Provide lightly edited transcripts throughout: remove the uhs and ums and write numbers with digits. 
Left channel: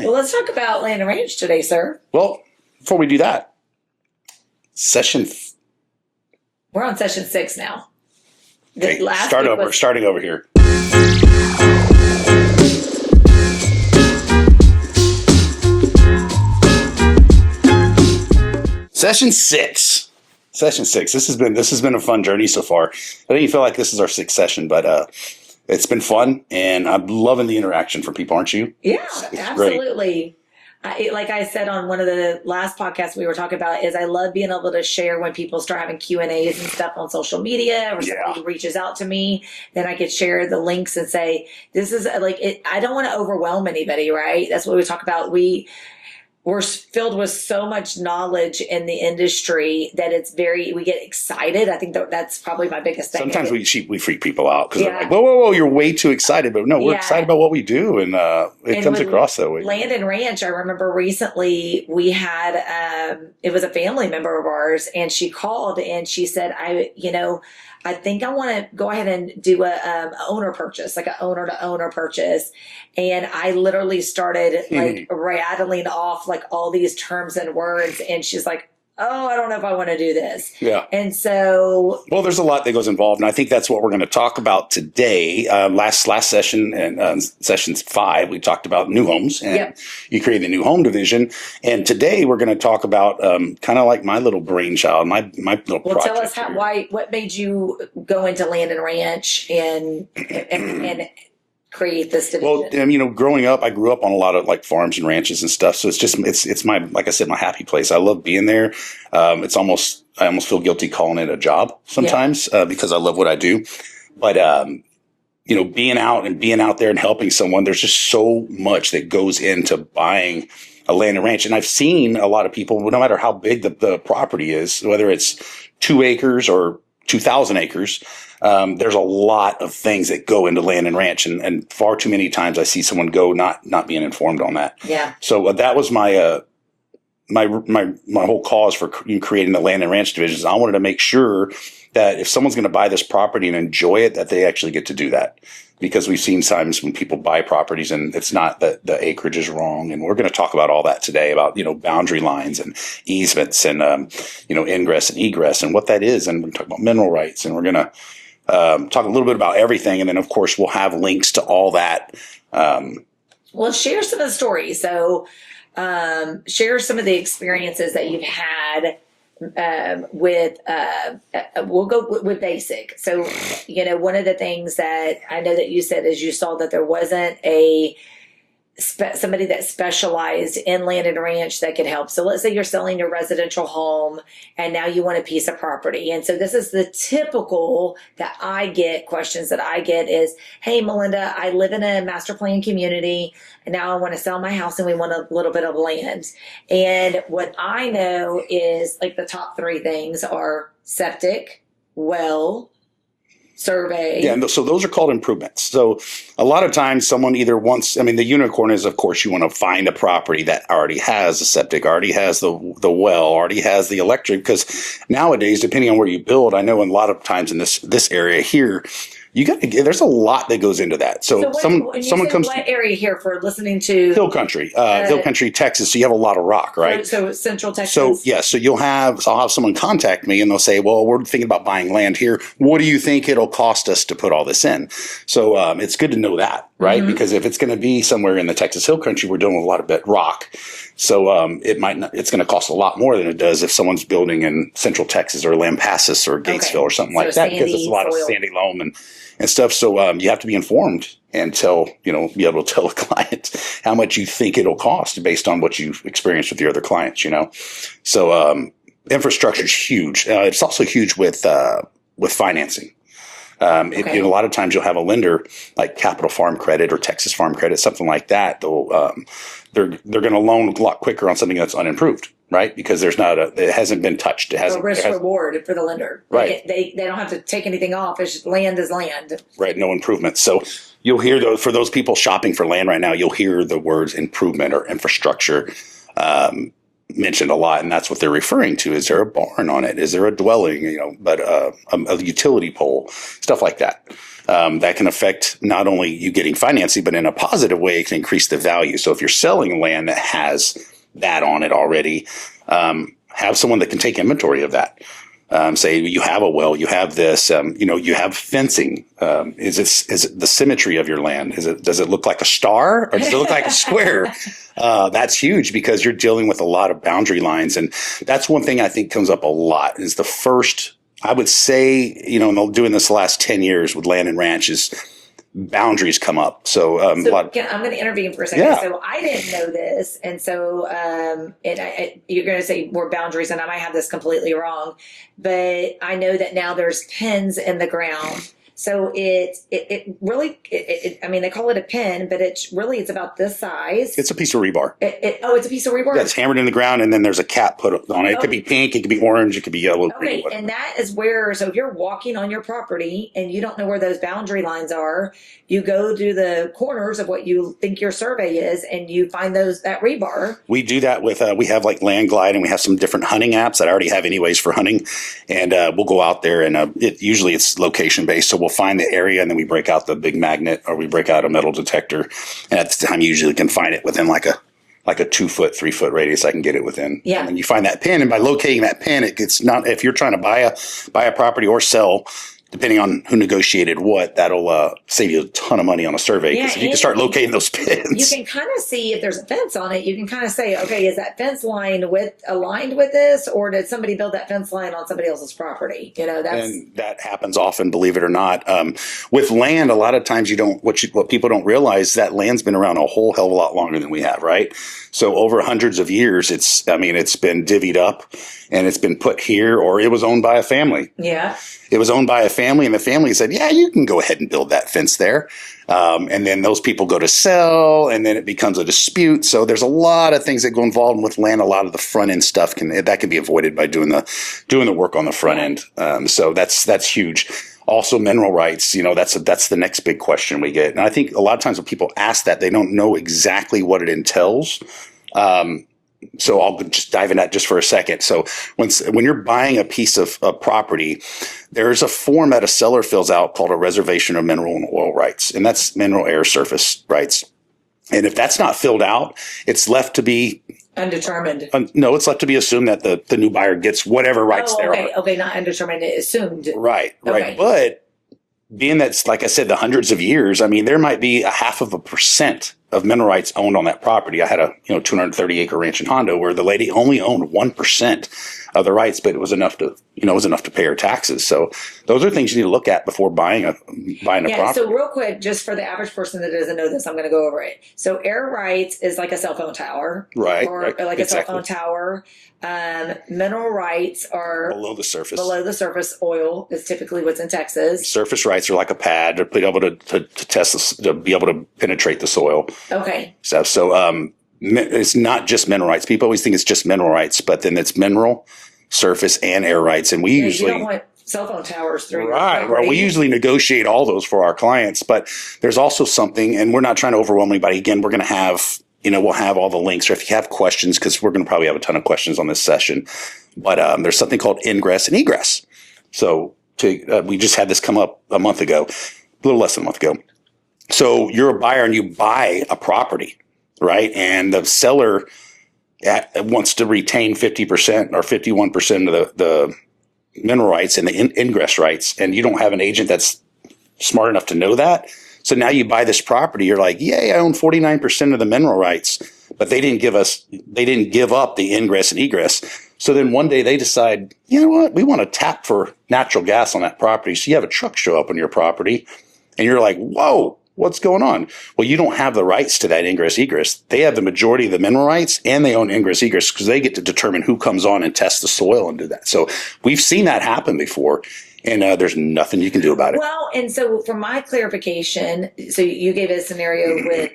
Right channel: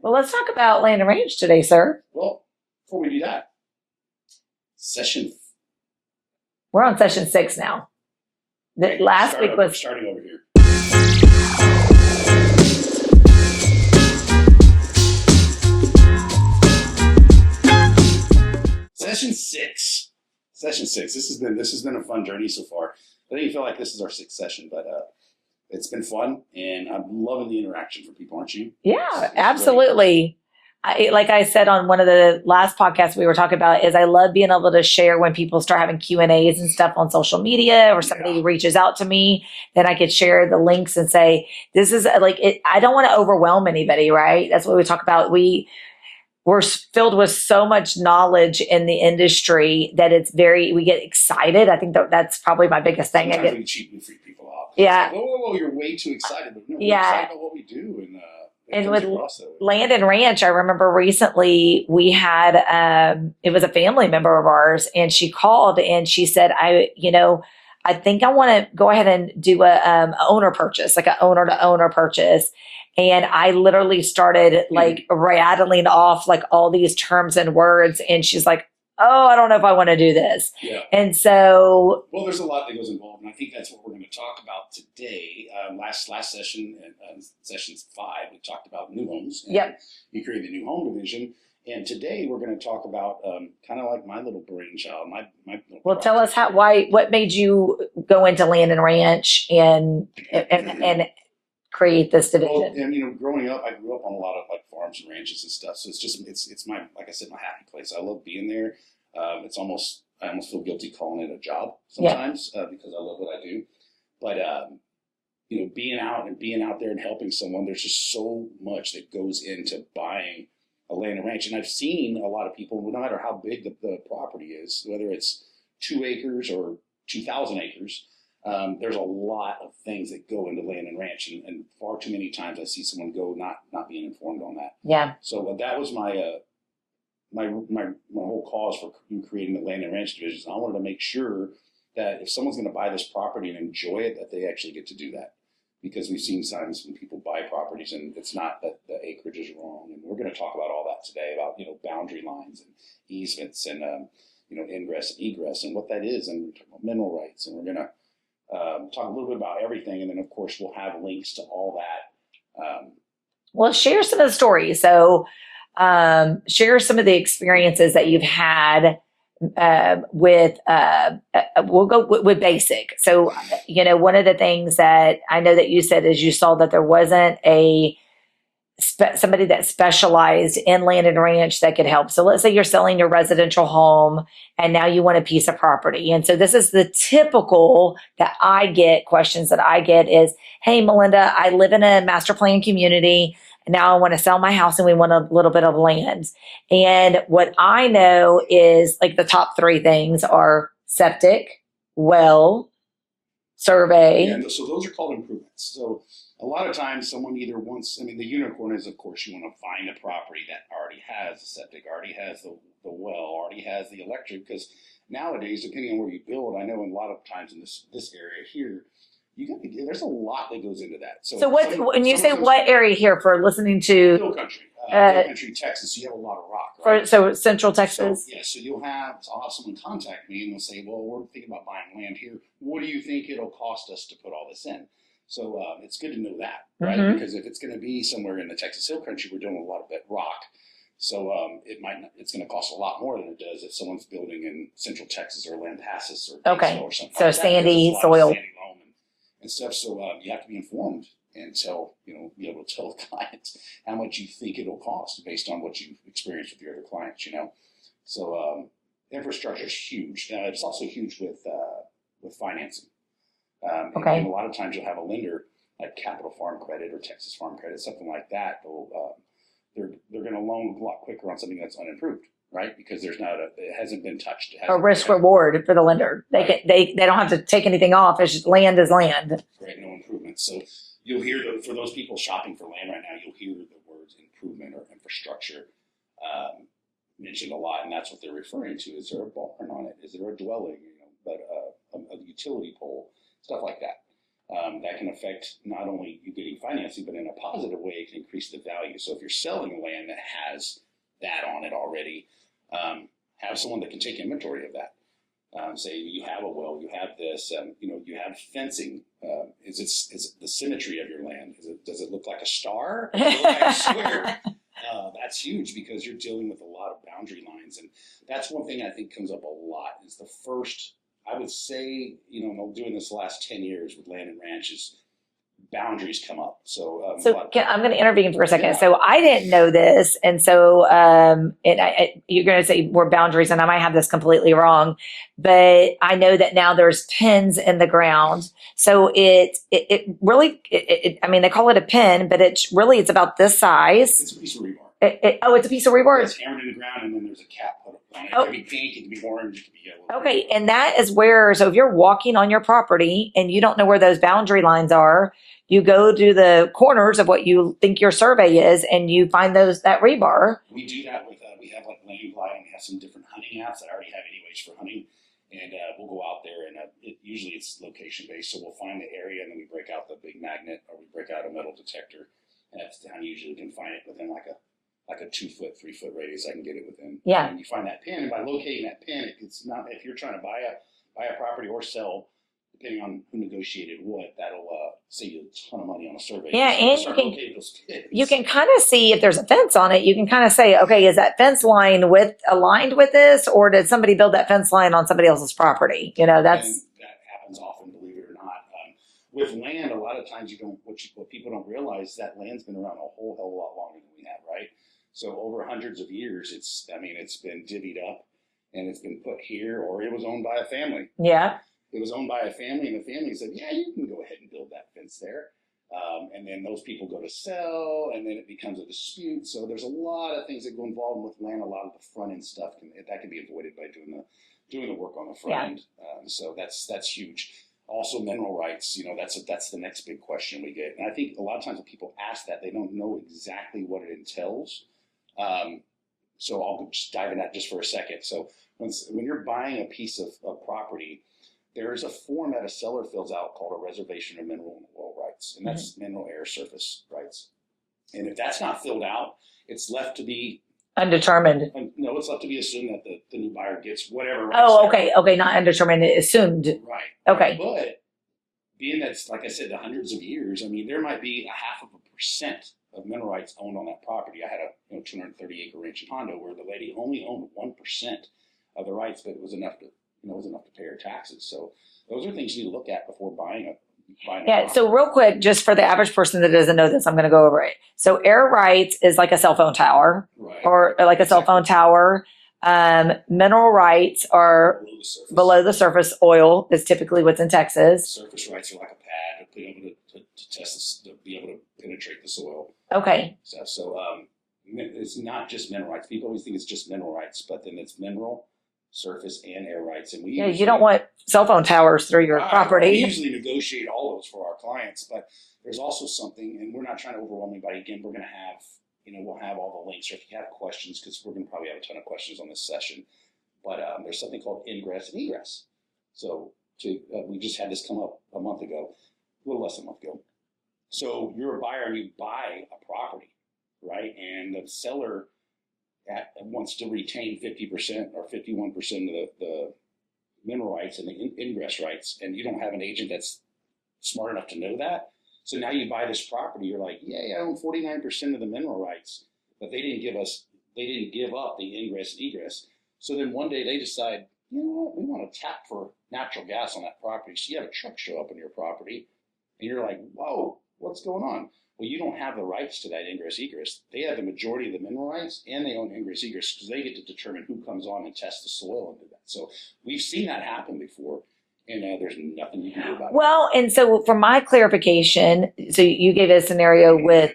right. Well, let's talk about land and ranch today, sir. Well, before we do that, we're on session 6 now. Okay, Last week was starting over here. Session 6. Session 6. This has been a fun journey so far. I don't even feel like this is our 6th session, but it's been fun, and I'm loving the interaction from people, aren't you? Yeah, it's absolutely. Like I said on one of the last podcasts we were talking about, is I love being able to share when people start having Q&As and stuff on social media, or somebody reaches out to me, then I could share the links and say, this is like it. I don't want to overwhelm anybody, right? That's what we talk about. We're filled with so much knowledge in the industry that we get excited. I think that's probably my biggest thing. Sometimes we freak people out because yeah. Like, whoa, you're way too excited. But no, we're excited about what we do, and it comes across that way. Land and Ranch, I remember recently we had, it was a family member of ours, and she called and she said, I think I want to go ahead and do a owner purchase, like an owner to owner purchase. And I literally started like rattling off like all these terms and words. And she's like, oh, I don't know if I want to do this. Yeah. And so. Well, there's a lot that goes involved. And I think that's what we're going to talk about today. Last session and session 5, we talked about new homes. And you create the new home division. And today we're going to talk about kind of like my little brainchild, my little project. Well, tell us what made you go into Land and Ranch and create this division? Well, growing up, I grew up on a lot of like farms and ranches and stuff. So it's my, like I said, my happy place. I love being there. I almost feel guilty calling it a job sometimes because I love what I do. But, being out there and helping someone, there's just so much that goes into buying a land and ranch. And I've seen a lot of people, no matter how big the property is, whether it's 2 acres or 2,000 acres, there's a lot of things that go into land and ranch, and far too many times I see someone go not being informed on that. Yeah. So that was my whole cause for creating the land and ranch divisions. I wanted to make sure that if someone's going to buy this property and enjoy it, that they actually get to do that. Because we've seen times when people buy properties and it's not that the acreage is wrong. And we're going to talk about all that today about, boundary lines and easements and, ingress and egress and what that is. And we're going to talk about mineral rights, and we're going to talk a little bit about everything. And then, of course, we'll have links to all that. Well, share some of the stories. So share some of the experiences that you've had we'll go with basic. So, one of the things that I know that you said is you saw that there wasn't somebody that specialized in land and ranch that could help. So let's say you're selling your residential home and now you want a piece of property. And so this is the typical questions that I get is, hey, Melinda, I live in a master plan community. And now I want to sell my house and we want a little bit of land. And what I know is like the top 3 things are septic, well, survey. Yeah, so those are called improvements. So a lot of times someone either wants, the unicorn is, of course, you want to find a property that already has a septic, already has the well, already has the electric, because nowadays, depending on where you build, I know a lot of times in this area here, there's a lot that goes into that. So when you say what area here for listening to Hill Country, Texas. So you have a lot of rock, right? So Central Texas. So I'll have someone contact me and they'll say, well, we're thinking about buying land here. What do you think it'll cost us to put all this in? So it's good to know that, right? Mm-hmm. Because if it's going to be somewhere in the Texas Hill Country, we're dealing with a lot of rock. So it's going to cost a lot more than it does if someone's building in Central Texas or Lampasas or Gatesville or something like that. Because it's a lot of sandy loam and stuff. So you have to be informed and be able to tell a client how much you think it'll cost based on what you've experienced with your other clients, So infrastructure is huge. It's also huge with financing. A lot of times you'll have a lender like Capital Farm Credit or Texas Farm Credit, something like that. They're going to loan a lot quicker on something that's unimproved, right? Because it hasn't been touched. It hasn't. A risk reward for the lender. Right. They don't have to take anything off. It's just land is land. Right. No improvements. So you'll hear for those people shopping for land right now, you'll hear the words improvement or infrastructure. mentioned a lot, and that's what they're referring to. Is there a barn on it? Is there a dwelling? But a utility pole, stuff like that. That can affect not only you getting financing, but in a positive way, it can increase the value. So if you're selling land that has that on it already, have someone that can take inventory of that. Say you have a well, you have this, you have fencing. Is it the symmetry of your land? Does it look like a star or does it look like a square? That's huge because you're dealing with a lot of boundary lines. And that's one thing I think comes up a lot is the first, I would say, and doing this the last 10 years with land and ranch is boundaries come up. So, I'm going to intervene for a second. Yeah. So I didn't know this. And so you're going to say more boundaries, and I might have this completely wrong, but I know that now there's pins in the ground. So it really, I mean, they call it a pin, but it's about this size. It's a piece of rebar. It's a piece of rebar? That's hammered in the ground, and then there's a cap put on it. It could be pink, it could be orange, it could be yellow. Okay, and that is where, so if you're walking on your property and you don't know where those boundary lines are, you go to the corners of what you think your survey is, and you find that rebar. We do that with, we have like Land Glide, and we have some different hunting apps that I already have anyways for hunting. And we'll go out there, and usually it's location based. So we'll find the area, and then we break out the big magnet, or we break out a metal detector. And at the time, you usually can find it within like a 2 foot, 3 foot radius. I can get it within. Yeah. And you find that pin, and by locating that pin, it's not, if you're trying to buy a property or sell, depending on who negotiated what, that'll save you a ton of money on a survey. Yeah, you can start locating those pins. You can kind of see if there's a fence on it. You can kind of say, okay, is that fence line aligned with this, or did somebody build that fence line on somebody else's property? And that happens often, believe it or not. With land, a lot of times what people don't realize, that land's been around a whole hell of a lot longer than we have, right? So over hundreds of years, it's been divvied up, and it's been put here, or it was owned by a family. Yeah. It was owned by a family, and the family said, yeah, you can go ahead and build that fence there. And then those people go to sell, and then it becomes a dispute. So there's a lot of things that go involved with land. A lot of the front end stuff can be avoided by doing the work on the front end. So that's huge. Also, mineral rights, that's the next big question we get. And I think a lot of times when people ask that, they don't know exactly what it entails. So I'll just dive in that just for a second. So when you're buying a piece of property, there's a form that a seller fills out called a reservation of mineral and oil rights, and that's mineral air surface rights. And if that's not filled out, it's left to be undetermined. No, it's left to be assumed that the new buyer gets whatever rights there are. Okay, not undetermined, assumed. Right. Okay. But being that's, like I said, the hundreds of years, there might be 0.5% of mineral rights owned on that property. I had a 230 acre ranch in Hondo where the lady only owned 1% of the rights, but it was enough to pay her taxes. So those are things you need to look at before buying a property. So real quick, just for the average person that doesn't know this, I'm going to go over it. So air rights is like a cell phone tower, right? Or like a cell phone tower. Mineral rights are below the surface. Below the surface. Oil is typically what's in Texas. Surface rights are like a pad to be able to test this, to be able to penetrate the soil. Okay. So it's not just mineral rights. People always think it's just mineral rights, but then it's mineral, surface, and air rights. And you don't want cell phone towers through your property. Well, we usually negotiate all those for our clients, but there's also something, and we're not trying to overwhelm anybody. Again, we're going to have, we'll have all the links, or if you have questions, because we're going to probably have a ton of questions on this session, but there's something called ingress and egress. So we just had this come up a month ago, a little less than a month ago. So you're a buyer and you buy a property, right? And the seller wants to retain 50% or 51% of the mineral rights and the ingress rights, and you don't have an agent that's smart enough to know that. So now you buy this property, you're like, yay, I own 49% of the mineral rights, but they didn't give up the ingress and egress. So then one day they decide, you know what, we want to tap for natural gas on that property. So you have a truck show up on your property and you're like, whoa, what's going on? Well, you don't have the rights to that ingress egress. They have the majority of the mineral rights, and they own ingress egress because they get to determine who comes on and test the soil and do that. So we've seen that happen before. And there's nothing you can do about it. Well, and so for my clarification, so you gave a scenario with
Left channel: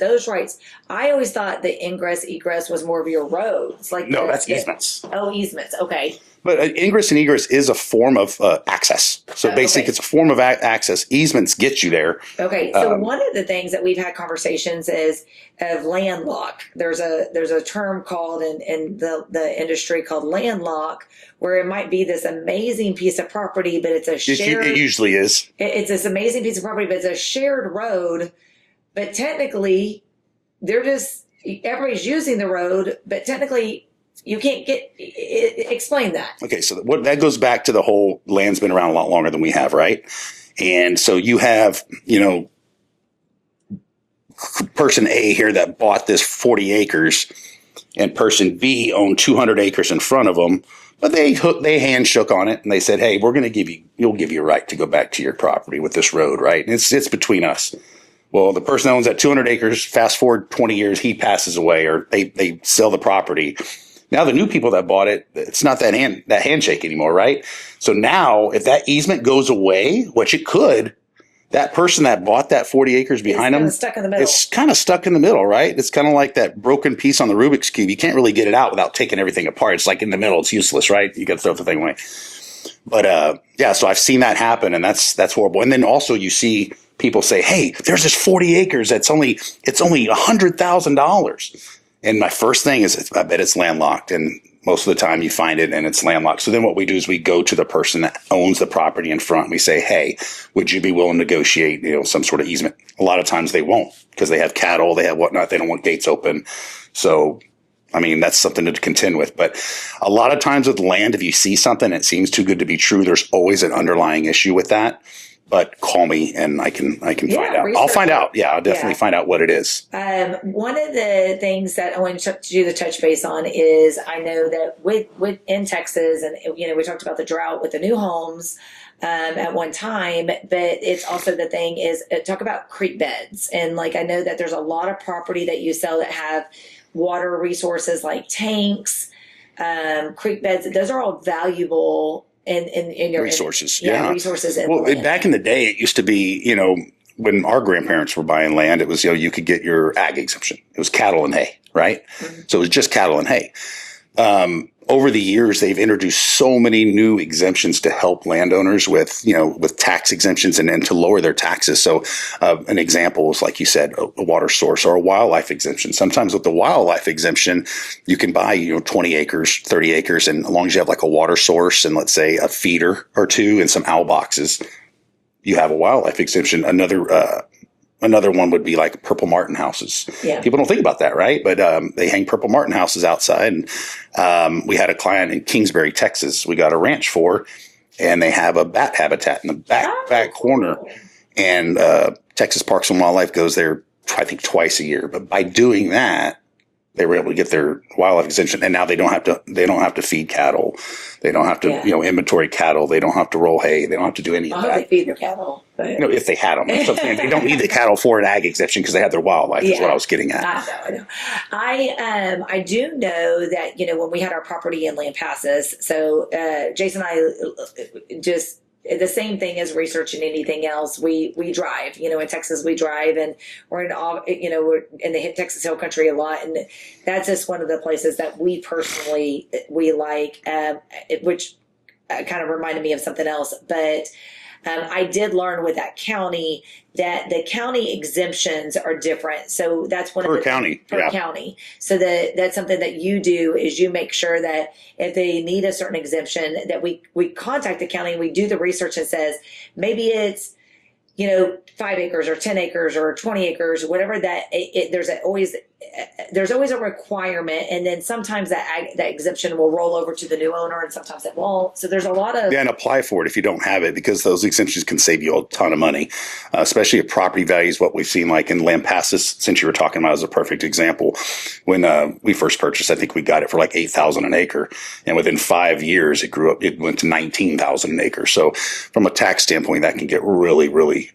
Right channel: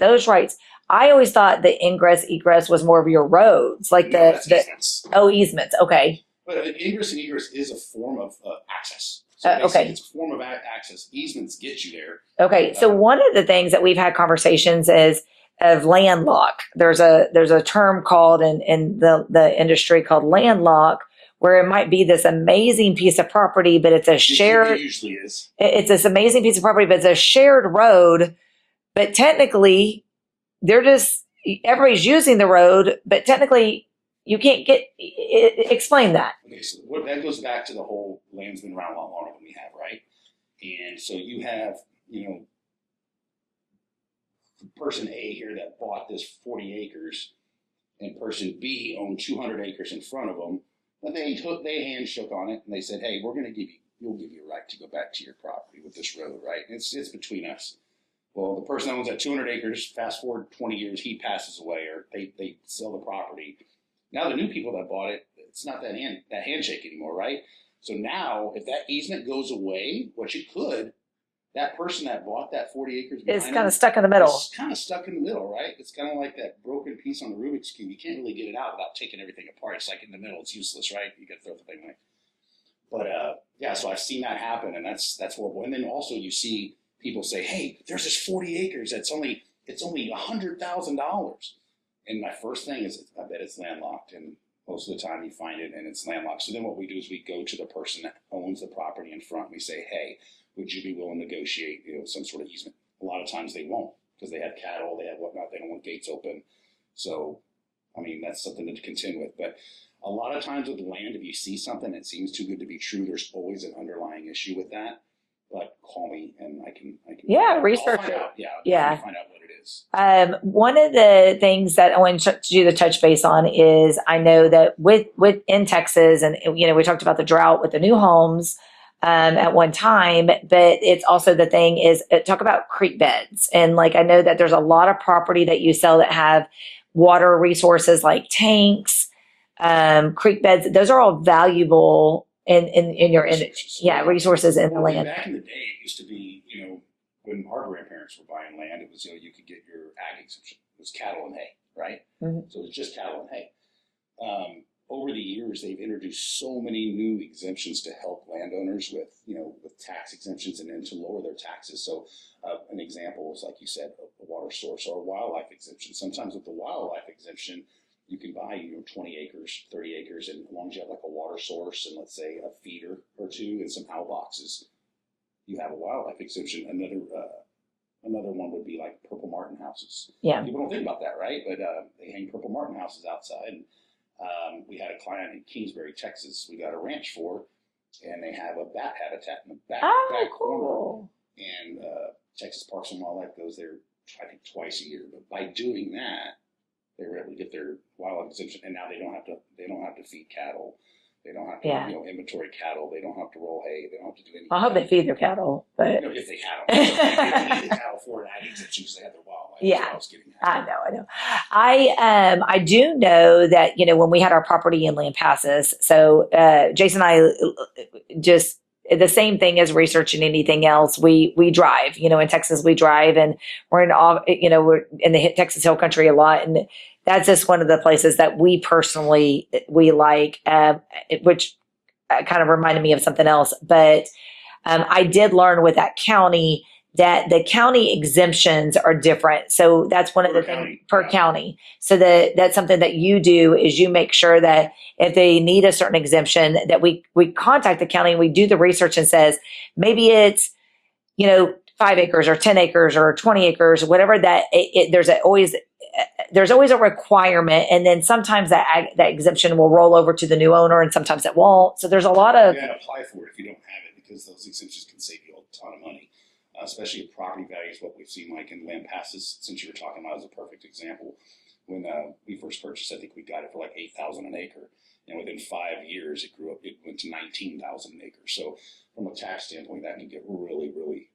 those rights. I always thought the ingress egress was more of your roads, like that's easements. Oh, easements. Okay. But ingress and egress is a form of access. So basically, okay. it's a form of access. Easements get you there. Okay. So one of the things that we've had conversations is of landlock. There's a term called in the industry called landlock, where it might be this amazing piece of property, but it's a shared. It usually is. It's this amazing piece of property, but it's a shared road. But technically, everybody's using the road, but technically you can't explain that. Okay, so that goes back to the whole land's been around a lot longer than we have, right? And so you have, person A here that bought this 40 acres, and person B owned 200 acres in front of them, but they hand shook on it and they said, "Hey, we're going to you'll give you a right to go back to your property with this road, right? And it's between us." Well, the person that owns that 200 acres, fast forward 20 years, he passes away, or they sell the property. Now the new people that bought it, it's not that handshake anymore, right? So now if that easement goes away, which it could, that person that bought that 40 acres behind them, it's stuck in the middle. It's kind of stuck in the middle, right? It's kind of like that broken piece on the Rubik's Cube. You can't really get it out without taking everything apart. It's like in the middle. It's useless, right? You got to throw the thing away. But yeah, so I've seen that happen, and that's horrible. And then also you see people say, "Hey, there's this 40 acres. It's only $100,000." And my first thing is, I bet it's landlocked. And most of the time you find it and it's landlocked. So then what we do is we go to the person that owns the property in front. And we say, "Hey, would you be willing to negotiate, some sort of easement?" A lot of times they won't, because they have cattle, they have whatnot. They don't want gates open. So, I mean, that's something to contend with. But a lot of times with land, if you see something that seems too good to be true, there's always an underlying issue with that. But call me and I can find out. I'll find out. Yeah, I'll definitely find out what it is. One of the things that I want to do the touch base on is, I know that with in Texas, and we talked about the drought with the new homes at one time, but it's also the thing is, talk about creek beds. And like, I know that there's a lot of property that you sell that have water resources like tanks, creek beds. Those are all valuable in your resources. Resources in the land. Back in the day, it used to be, when our grandparents were buying land, it was, you could get your ag exemption. It was cattle and hay, right? Mm-hmm. So it was just cattle and hay. Over the years, they've introduced so many new exemptions to help landowners with tax exemptions and to lower their taxes. So an example is, like you said, a water source or a wildlife exemption. Sometimes with the wildlife exemption, you can buy, 20 acres, 30 acres. And as long as you have like a water source and, let's say, a feeder or two and some owl boxes, you have a wildlife exemption. Another one would be like purple martin houses. Yeah. People don't think about that, right? But they hang purple martin houses outside. And we had a client in Kingsbury, Texas. We got a ranch for, and they have a bat habitat in the back corner. And Texas Parks and Wildlife goes there, I think, twice a year. But by doing that, they were able to get their wildlife exemption, and now they don't have to feed cattle. They don't have to, inventory cattle. They don't have to roll hay. They don't have to do any of that. I hope they feed their cattle. But if they had them. They don't need the cattle for an ag exemption because they have their wildlife, is what I was getting at. I know. I do know that, when we had our property in Land Passes, so Jason and I just, the same thing as researching anything else. We drive, in Texas, we drive, and we're we're in the Texas Hill Country a lot. And that's just one of the places that we personally, like, which kind of reminded me of something else. But I did learn with that county that the county exemptions are different. So that's one of the county. Per county. So that's something that you do, is you make sure that if they need a certain exemption, that we contact the county and we do the research and says, maybe it's, 5 acres or 10 acres or 20 acres, whatever that there's always a requirement. And then sometimes that exemption will roll over to the new owner, and sometimes it won't. So there's a lot of. Yeah, and apply for it if you don't have it, because those exemptions can save you a ton of money, especially if property values, what we've seen like in Land Passes, since you were talking about, is a perfect example. When we first purchased, I think we got it for like $8,000 an acre. And within 5 years, it went to $19,000 an acre. So from a tax standpoint, that can get really, really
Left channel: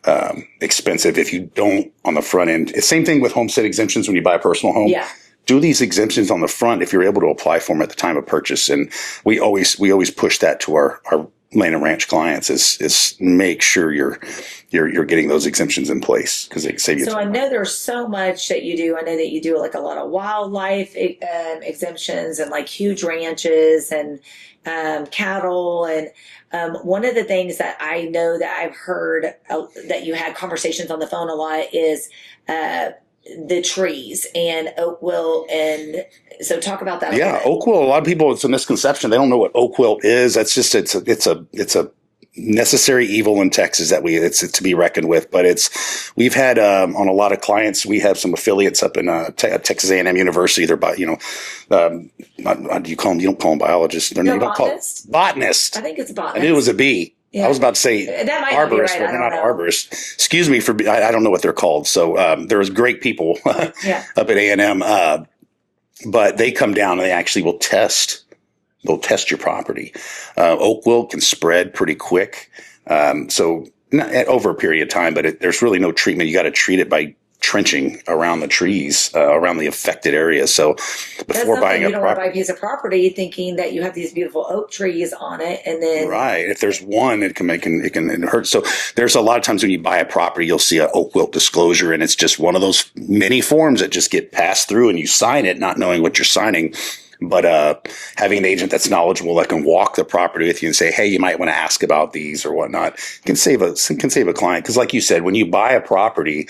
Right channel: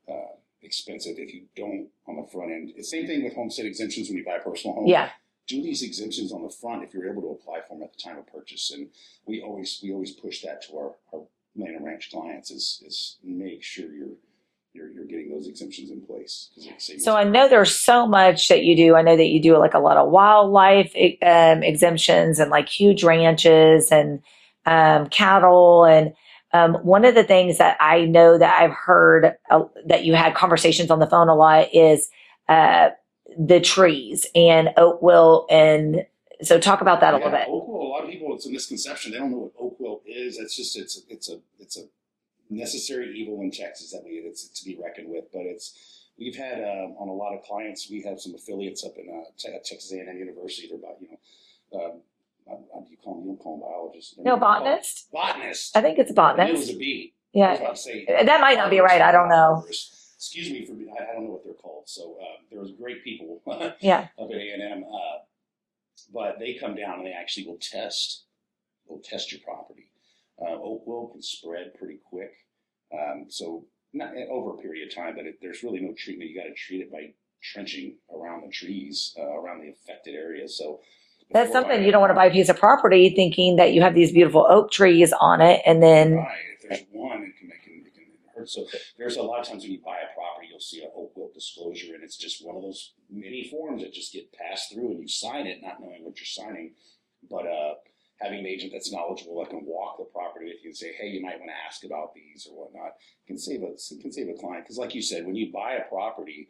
expensive if you don't on the front end. It's same thing with homestead exemptions when you buy a personal home. Yeah. Do these exemptions on the front if you're able to apply for them at the time of purchase. And we always push that to our land and ranch clients is make sure you're getting those exemptions in place, because they can save you. So I know there's so much that you do. I know that you do like a lot of wildlife exemptions and like huge ranches and cattle. And one of the things that I know that I've heard that you had conversations on the phone a lot is the trees and oak wilt. And so talk about that a little bit. Oak wilt. A lot of people, it's a misconception. They don't know what oak wilt is. That's just it's a necessary evil in Texas that it's to be reckoned with. But we've had on a lot of clients. We have some affiliates up in Texas A&M University. They're what do you call them? You don't call them biologists. They're not botanist. Botanist. I think it's botanist. I knew it was a B. Yeah. I was about to say that might not be right. I don't know. Arborist. Excuse me I don't know what they're called. So there's great people up at A&M, but they come down and they actually will test. They'll test your property. Oak wilt can spread pretty quick, so not over a period of time. But there's really no treatment. You got to treat it by trenching around the trees, around the affected area. So before buying you don't want to buy a piece of property thinking that you have these beautiful oak trees on it, and then if there's one, it can hurt. So there's a lot of times when you buy a property, you'll see an oak wilt disclosure, and it's just one of those many forms that just get passed through, and you sign it not knowing what you're signing. But having an agent that's knowledgeable that can walk the property with you and say, hey, you might want to ask about these or whatnot, can save a client. Because like you said, when you buy a property,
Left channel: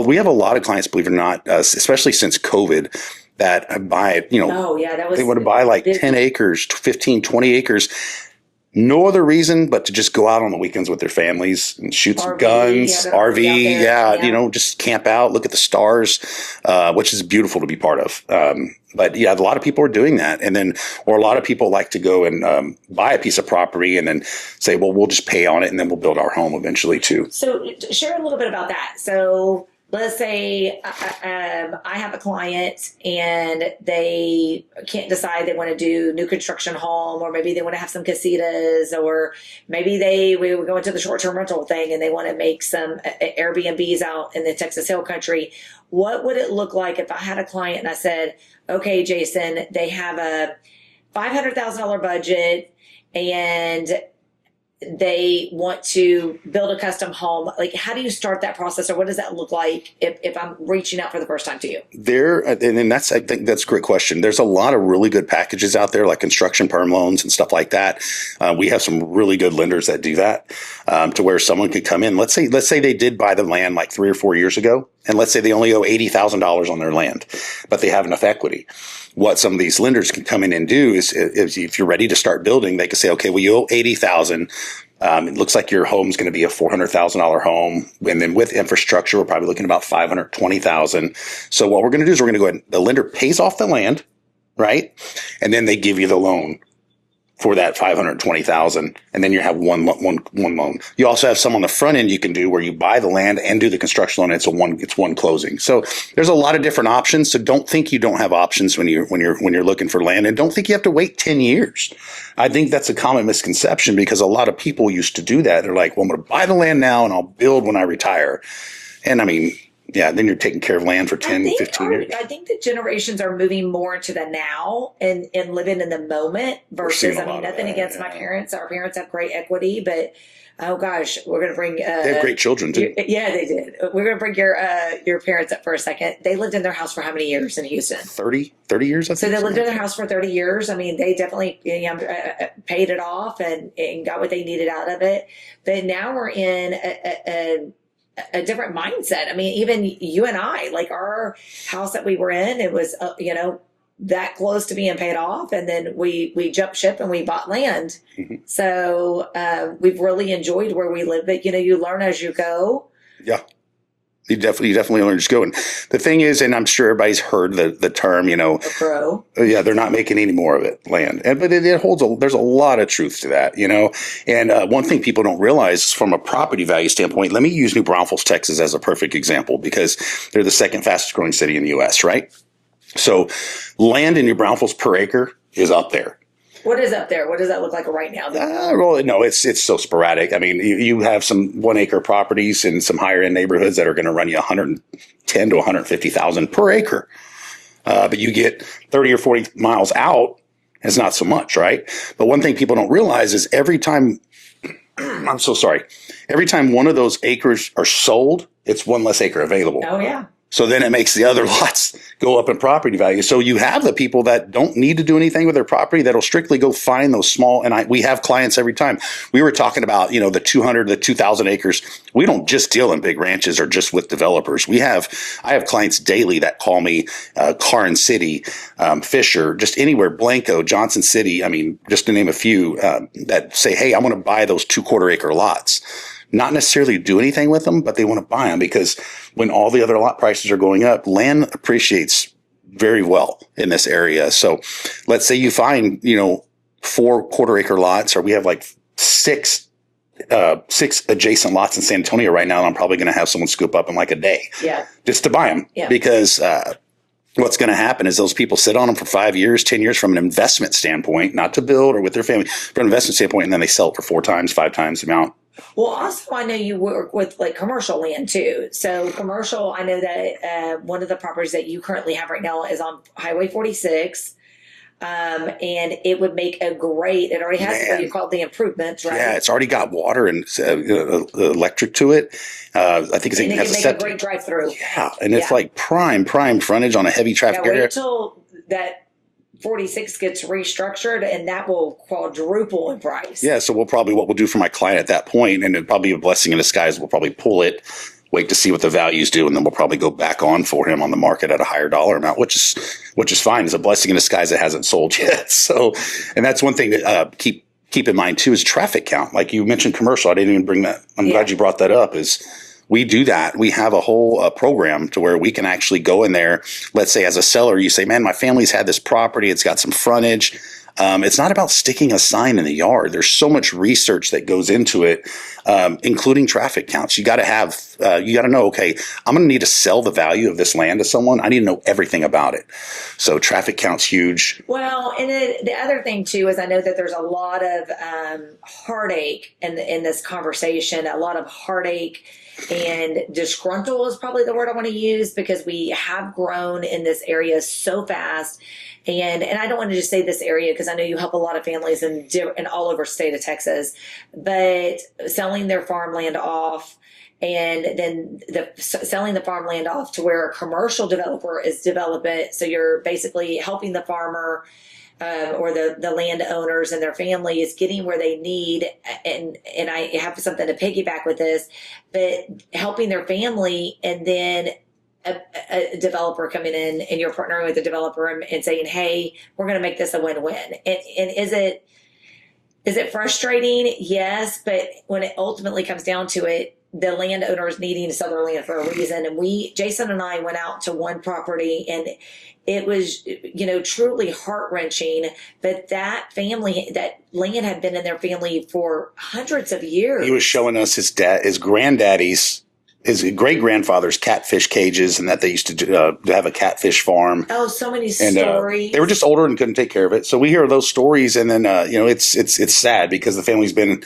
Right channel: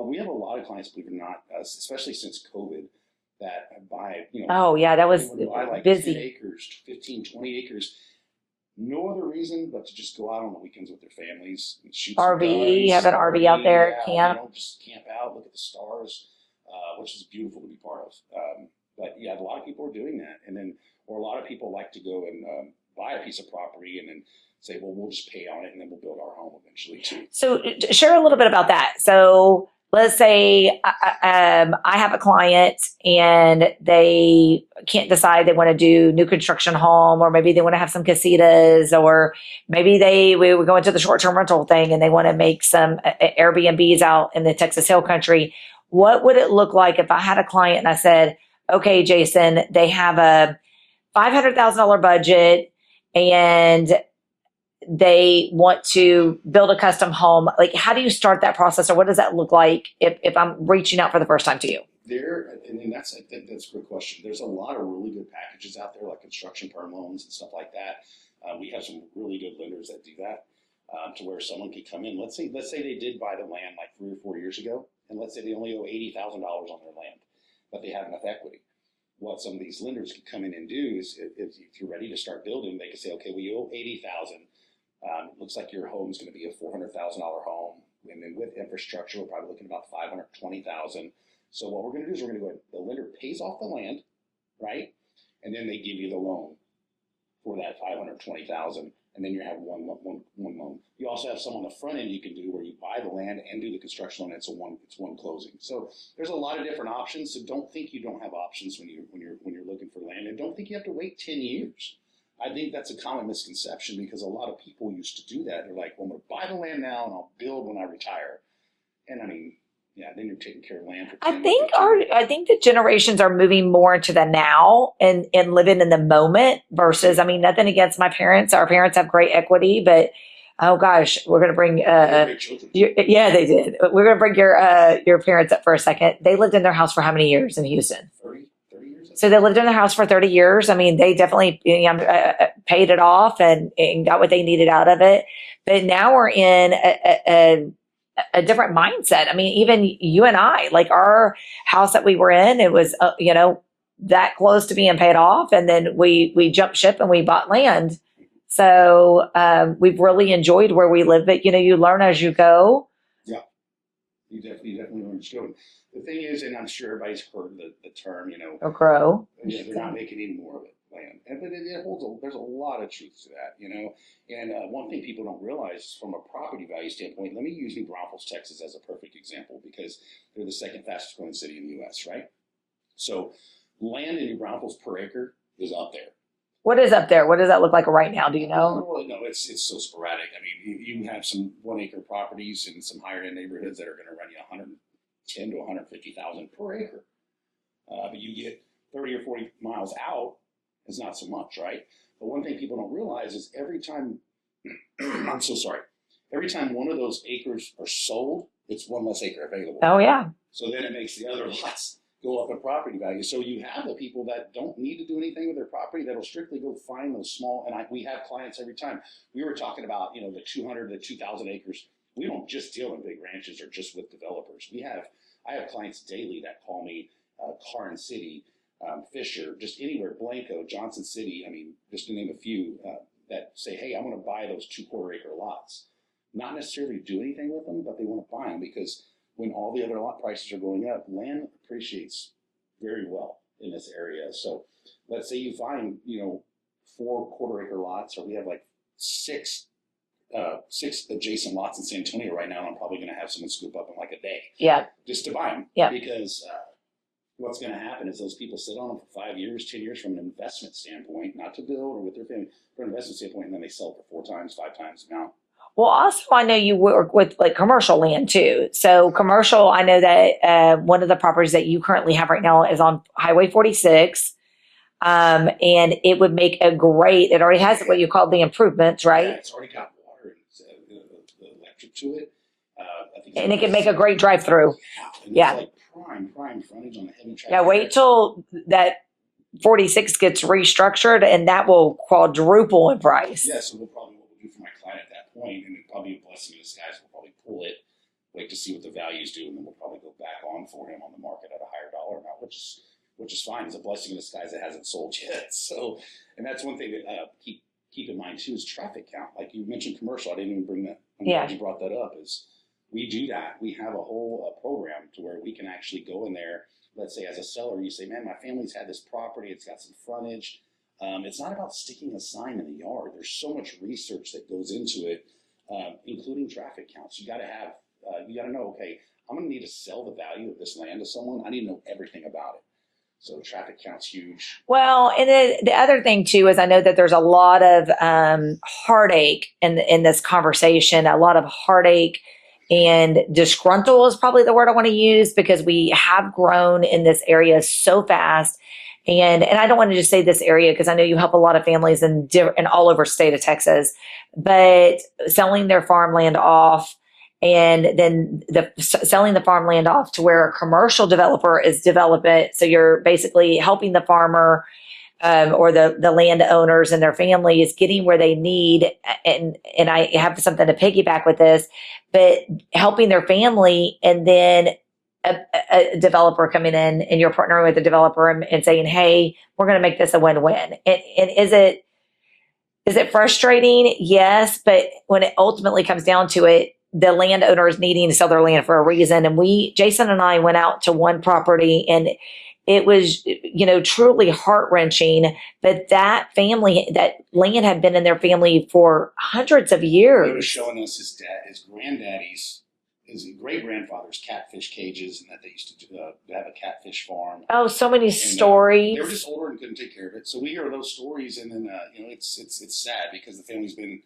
we have a lot of clients, believe it or not, especially since COVID, that buy, they want to buy like busy. 10 acres, 15, 20 acres. No other reason but to just go out on the weekends with their families and shoot some guns, RV, just camp out, look at the stars, which is beautiful to be part of. But a lot of people are doing that. And then, or a lot of people like to go and buy a piece of property and then say, well, we'll just pay on it and then we'll build our home eventually too. So share a little bit about that. So let's say I have a client and they can't decide they want to do new construction home, or maybe they want to have some casitas, or maybe we were going to the short-term rental thing and they want to make some Airbnbs out in the Texas Hill Country. What would it look like if I had a client and I said, okay, Jason, they have a $500,000 budget and they want to build a custom home? Like, how do you start that process, or what does that look like if I'm reaching out for the first time to you? I think that's a great question. There's a lot of really good packages out there, like construction perm loans and stuff like that. We have some really good lenders that do that, to where someone could come in. Let's say they did buy the land like 3 or 4 years ago, and let's say they only owe $80,000 on their land, but they have enough equity. What some of these lenders can come in and do is if you're ready to start building, they can say, okay, well, you owe $80,000. It looks like your home's going to be a $400,000 home. And then with infrastructure, we're probably looking about $520,000. So what we're going to do is we're going to go ahead, the lender pays off the land, right? And then they give you the loan for that $520,000, and then you have one loan. You also have some on the front end you can do where you buy the land and do the construction loan. It's one closing. So there's a lot of different options. So don't think you don't have options when you're looking for land, and don't think you have to wait 10 years. I think that's a common misconception, because a lot of people used to do that. They're like, well, I'm going to buy the land now and I'll build when I retire. And I mean, then you're taking care of land for 10, 15 years. I think the generations are moving more into the now and living in the moment versus, nothing against my parents. Our parents have great equity, but oh gosh, we're going to bring... they have great children too. Yeah, they did. We're going to bring your parents up for a second. They lived in their house for how many years in Houston? 30 years, I think. So they lived in their house for 30 years. I mean, they definitely paid it off and got what they needed out of it. But now we're in a different mindset. I mean, even you and I, like our house that we were in, it was, that close to being paid off. And then we jumped ship and we bought land. Mm-hmm. So we've really enjoyed where we live. But, you learn as you go. Yeah. You definitely learn to go. And the thing is, and I'm sure everybody's heard the term, grow. Yeah, they're not making any more of it, land. But it holds there's a lot of truth to that, And one thing people don't realize is from a property value standpoint, let me use New Braunfels, Texas as a perfect example, because they're the second fastest growing city in the U.S., right? So land in New Braunfels per acre is up there. What is up there? What does that look like right now? Do you know? No, it's so sporadic. I mean, you have some 1 acre properties in some higher end neighborhoods that are going to run you $110,000 to $150,000 per acre. But you get 30 or 40 miles out, it's not so much, right? But one thing people don't realize is every time one of those acres are sold, it's one less acre available. Oh, yeah. So then it makes the other lots go up in property value. So you have the people that don't need to do anything with their property that'll strictly go find those small. And we have clients every time. We were talking about, the 200, the 2,000 acres. We don't just deal in big ranches or just with developers. I have clients daily that call me, Carn City, Fisher, just anywhere, Blanco, Johnson City. I mean, just to name a few, that say, hey, I want to buy those 2/4 acre lots. Not necessarily do anything with them, but they want to buy them because when all the other lot prices are going up, land appreciates very well in this area. So let's say you find, 4/4 acre lots, or we have like six adjacent lots in San Antonio right now. And I'm probably going to have someone scoop up in like a day just to buy them because, what's going to happen is those people sit on them for 5 years, 10 years from an investment standpoint, not to build or with their family, from an investment standpoint, and then they sell it for 4 times, 5 times the amount. Well, also, I know you work with like commercial land too. So commercial, I know that one of the properties that you currently have right now is on Highway 46. And it would make it already has what you call the improvements, right? Yeah, it's already got water and electric to it. I think it can make a great drive through. Yeah, and it's like prime frontage on a heavy traffic area. Wait till that 46 gets restructured and that will quadruple in price. Yeah, so what we'll do for my client at that point, and it'll probably be a blessing in disguise, we'll probably pull it, wait to see what the values do, and then we'll probably go back on for him on the market at a higher dollar amount, which is fine. It's a blessing in disguise that hasn't sold yet. So, and that's one thing to keep in mind too is traffic count. Like you mentioned commercial, I didn't even bring that. I'm glad you brought that up. Is we do that. We have a whole program to where we can actually go in there. Let's say as a seller, you say, man, my family's had this property. It's got some frontage. It's not about sticking a sign in the yard. There's so much research that goes into it, including traffic counts. You got to know, okay, I'm going to need to sell the value of this land to someone. I need to know everything about it. So traffic count's huge. Well, and then the other thing too is I know that there's a lot of heartache in this conversation, a lot of heartache. And disgruntled is probably the word I want to use because we have grown in this area so fast. And I don't want to just say this area because I know you help a lot of families in all over state of Texas, but selling their farmland off and then selling the farmland off to where a commercial developer is develop it. So you're basically helping the farmer or the landowners and their families getting where they need. And I have something to piggyback with this, but helping their family and then a developer coming in and you're partnering with a developer and saying, hey, we're going to make this a win-win. And is it frustrating? Yes. But when it ultimately comes down to it, the landowner is needing to sell their land for a reason. And Jason and I went out to one property and it was, truly heart-wrenching that land had been in their family for hundreds of years. He was showing us his granddaddy's, his great-grandfather's catfish cages and that they used to have a catfish farm. Oh, so many stories. They were just older and couldn't take care of it. So we hear those stories and then, it's sad because the land's been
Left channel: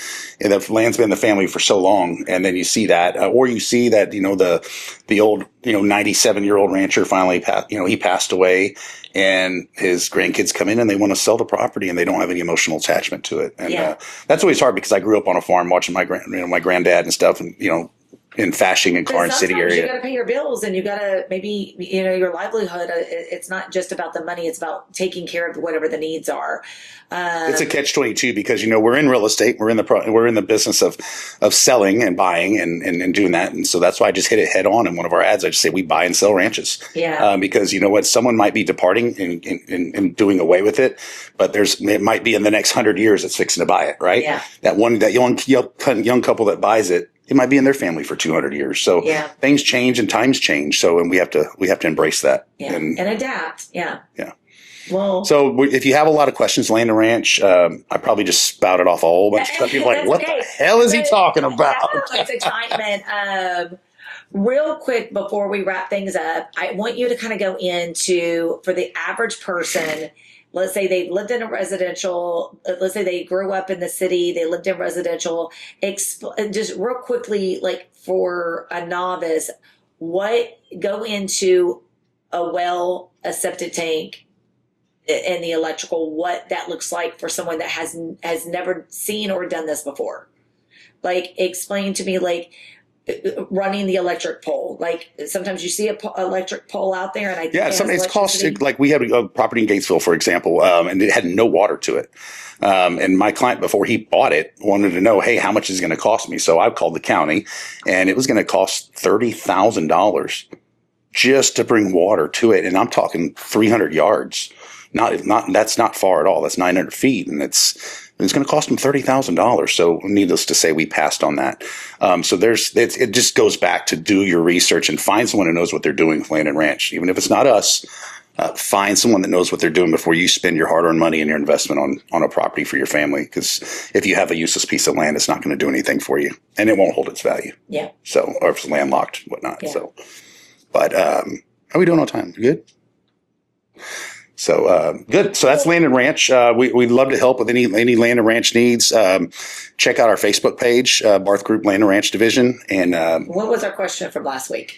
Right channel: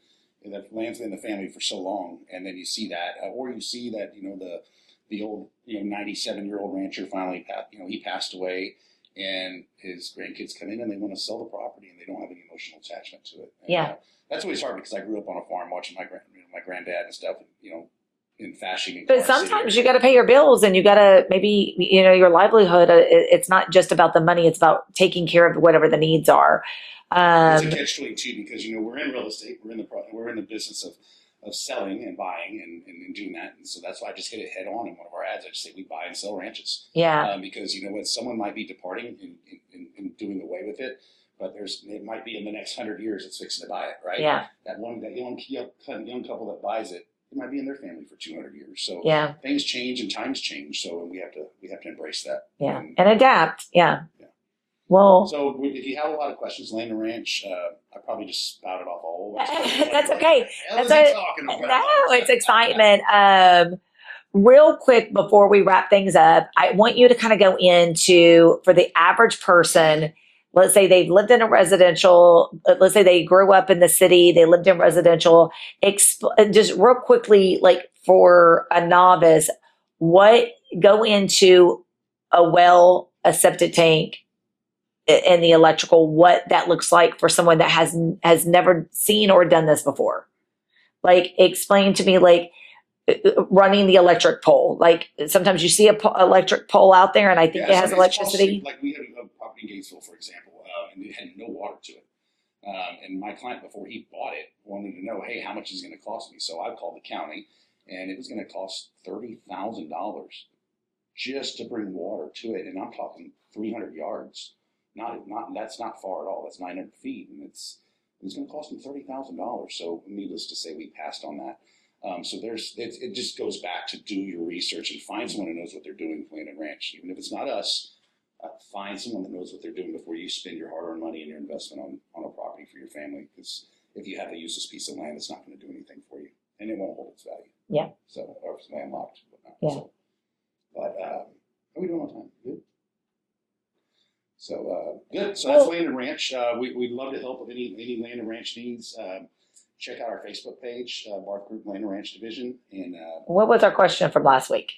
in the family for so long. And then you see that, or you see that, the old, 97-year-old rancher finally he passed away and his grandkids come in and they want to sell the property and they don't have any emotional attachment to it. And that's always hard because I grew up on a farm watching my granddad and stuff and, in Fashing and Carn City area. You got to pay your bills and you got to maybe, your livelihood. It's not just about the money. It's about taking care of whatever the needs are. It's a catch-22 because, we're in real estate. We're in the business of selling and buying and doing that. And so that's why I just hit it head on in one of our ads. I just say we buy and sell ranches. Yeah. Because you know what? Someone might be departing and doing away with it, but it might be in the next 100 years it's fixing to buy it, right? Yeah. That young couple that buys it, it might be in their family for 200 years. So things change and times change. So, and we have to embrace that and adapt. Yeah. Yeah. Well, so if you have a lot of questions, Land and Ranch, I probably just spouted off a whole bunch of stuff. You're like, what the hell is he talking about? No, it's excitement. Real quick before we wrap things up, I want you to kind of go into, for the average person, let's say they've lived in a residential, let's say they grew up in the city, they lived in residential, just real quickly, like for a novice, go into a well, a septic tank, and the electrical, what that looks like for someone that has never seen or done this before. Like, explain to me, like, running the electric pole. Like sometimes you see a electric pole out there, and I think Yeah, it has it's electricity. caustic. Like we had a property in Gatesville, for example, and it had no water to it. And my client, before he bought it, wanted to know, hey, how much is it going to cost me? So I called the county, and it was going to cost $30,000 just to bring water to it. And I'm talking 300 yards. That's not far at all. That's 900 feet, and it's going to cost them $30,000. So needless to say, we passed on that. So it just goes back to do your research and find someone who knows what they're doing with land and ranch. Even if it's not us, find someone that knows what they're doing before you spend your hard-earned money and your investment on a property for your family. Because if you have a useless piece of land, it's not going to do anything for you, and it won't hold its value. Yeah. So, or if it's landlocked, whatnot. Yeah. So, but how are we doing on time? Good. So good. So that's Land and Ranch. We'd love to help with any land and ranch needs. Check out our Facebook page, Barth Group Land and Ranch Division. And what was our question from last week?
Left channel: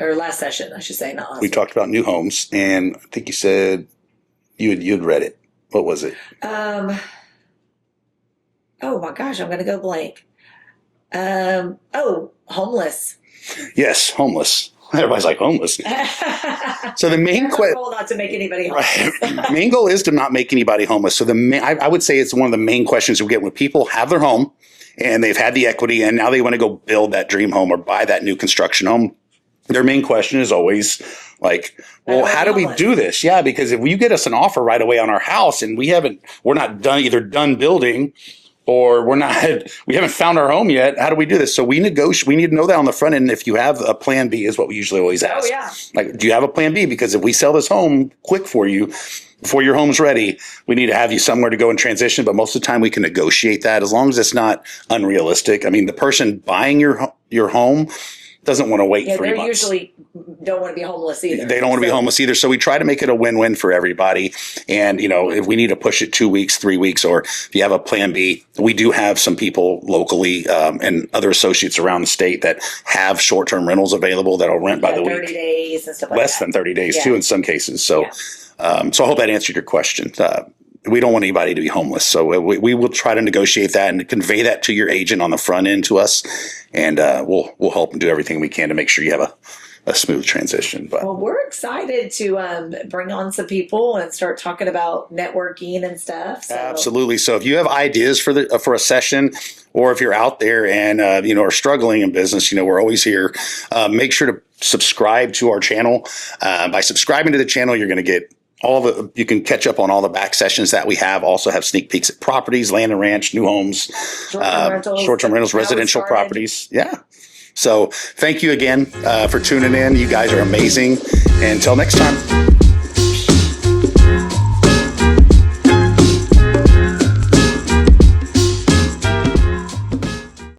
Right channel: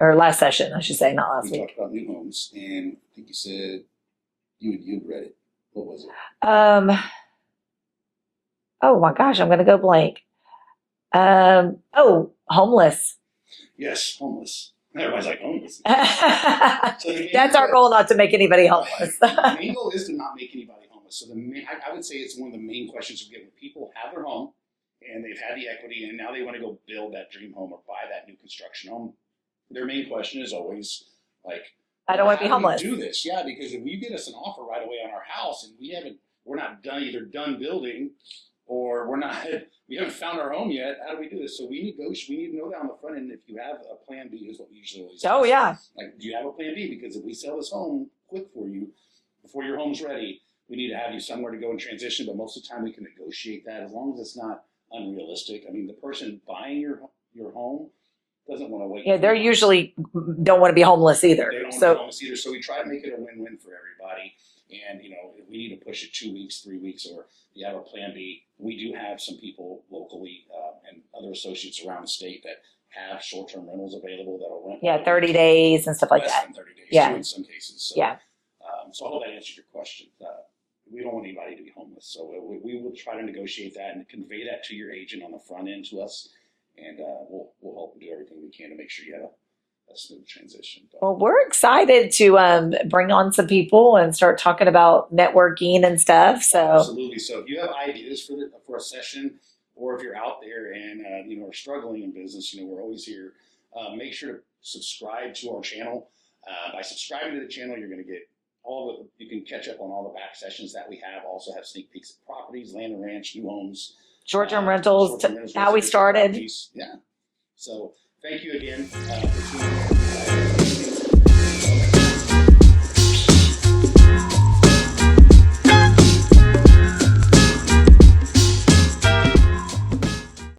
Or last session, I should say, not last we week. talked about new homes, and I think you said you'd read it. What was it? Oh my gosh, I'm going to go blank. Homeless. Yes, homeless. Everybody's like homeless. So the main That's our goal, not to make anybody homeless. main goal is to not make anybody homeless. So I would say it's one of the main questions we get when people have their home and they've had the equity and now they want to go build that dream home or buy that new construction home. Their main question is always like, well, how do we do this? Yeah, because if you get us an offer right away on our house and we're not done building, or we haven't found our home yet. How do we do this? So we negotiate. We need to know that on the front end. If you have a plan B, is what we usually always ask. Oh yeah. Like, do you have a plan B? Because if we sell this home quick for you, before your home's ready, we need to have you somewhere to go and transition. But most of the time we can negotiate that as long as it's not unrealistic. I mean, the person buying your home doesn't want to wait 3 months. They usually don't want to be homeless either. They don't want to be homeless either. So we try to make it a win-win for everybody. And, if we need to push it 2 weeks, 3 weeks, or if you have a plan B, we do have some people locally and other associates around the state that have short-term rentals available that'll rent by the week. 30 days and stuff like that. Less than 30 days too in some cases. So, so I hope that answered your question. We don't want anybody to be homeless. So we will try to negotiate that and convey that to your agent on the front end to us. And we'll help and do everything we can to make sure you have a smooth transition. But well, we're excited to bring on some people and start talking about networking and stuff. So absolutely. So if you have ideas for a session, or if you're out there and are struggling in business, we're always here. Make sure to subscribe to our channel. By subscribing to the channel, you're going to get you can catch up on all the back sessions that we have. Also have sneak peeks at properties, land and ranch, new homes, short-term rentals, residential properties. Yeah. So thank you again for tuning in. You guys are amazing. And until next time.